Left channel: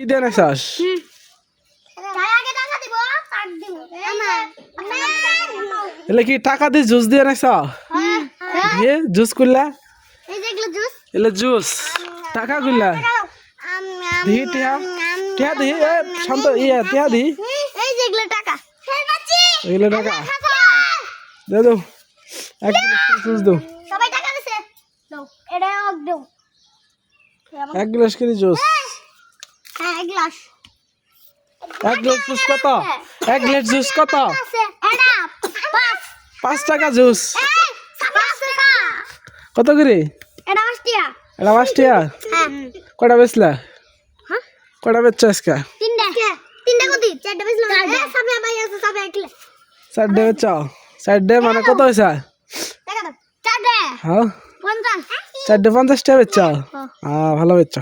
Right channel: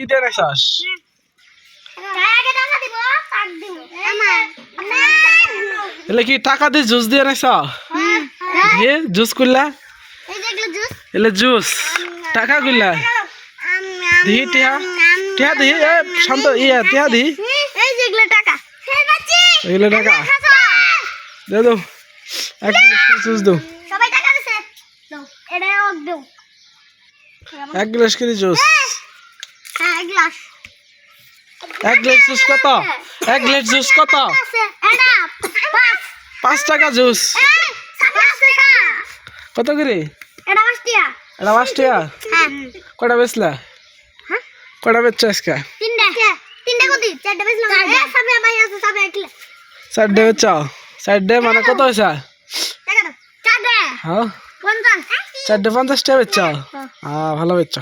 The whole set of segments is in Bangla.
কি দিয়ে নাইছাস এলে কি টাকা দিয়ে জুস দিয়ে নাইছ দিয়ে জুস করলা এলে জুস। টাকা করলা দিহি টিহা। টিহা দিহি এ শান্ত ইয়া টিহা দিহি এগুলো টাকা। দে দো। এক গ্লাস জুস দো। সবাই টাকা দিছে। দাও এটা দাও এক গ্লাস করে জুস। গ্লাস এক গ্লাস জুস কত এক গ্লাস জুস কত আছে এটা পাঁচ পাঁচ টাকা জুস এই, পাঁচ টাকা কত করে এটা পাঁচ টাকা এটা পাঁচ টাকা হ্যাঁ কটা বেচলা হ্যাঁ? কটা বেচছো আজকে তিনটা তিনটা কত চারটা বেশলাম এ সবে ভাই আছে সবে একলে চারটে বেচ চারটে মানে কত হয়েছে টাকা দাও চারটে হ্যাঁ পঞ্চাশ চারটে পঞ্চাশ টাকা বেচ হ্যাঁ ভালো বেচ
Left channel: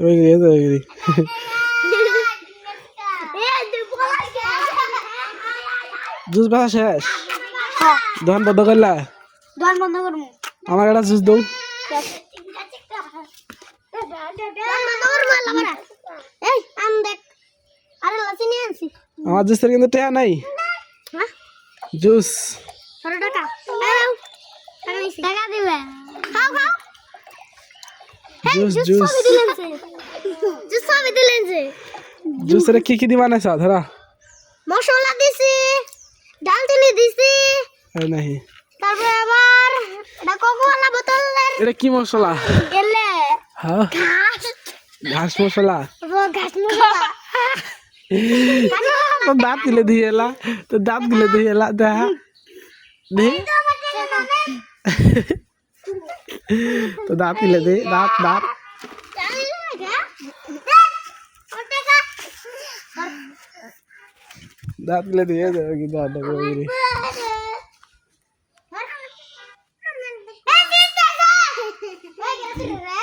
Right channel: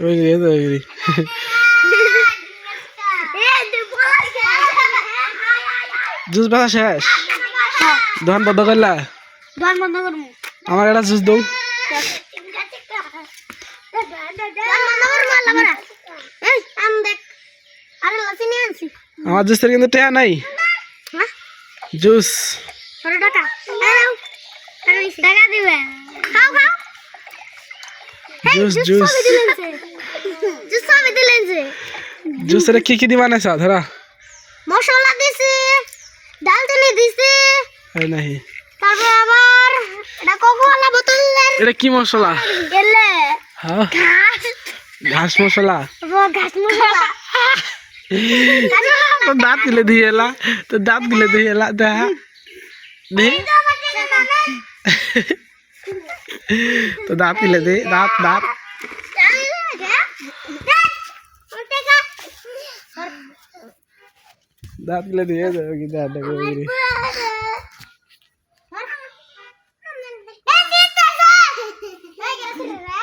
এই যে, এই যে। জুস বেচা শেষ দোকান বন্ধ করলা দোকান বন্ধ করব আমার একটা জুস দৌ আমার জুসের কিন্তু টেয়া নাই জুস। টাকা দিবে খাও খাও জুস জুস সবই দিলেন যে জুস সবই দিলেন যে জুসের কি কি দি বানাইছ ধরা। মশলা দিছি ডালচিনি দিছি। এই নাহি। তারপরে আবার এটা কোকোলা বোতলের এটা কি মশলা? গেলে। হ্যাঁ ঘাস। ঘাস মশলা? ও ঘাস মশলা। তো দাঁত গিলে দিয়ে এলা। তো দাঁত গিলে দিয়ে এলা। দেখা দে তো দাঁত গিলে দে দাঁত দাঁত দাঁত গিলে দিয়ে দেবে কি দাঁত দেখো ওইগুলি। Eh,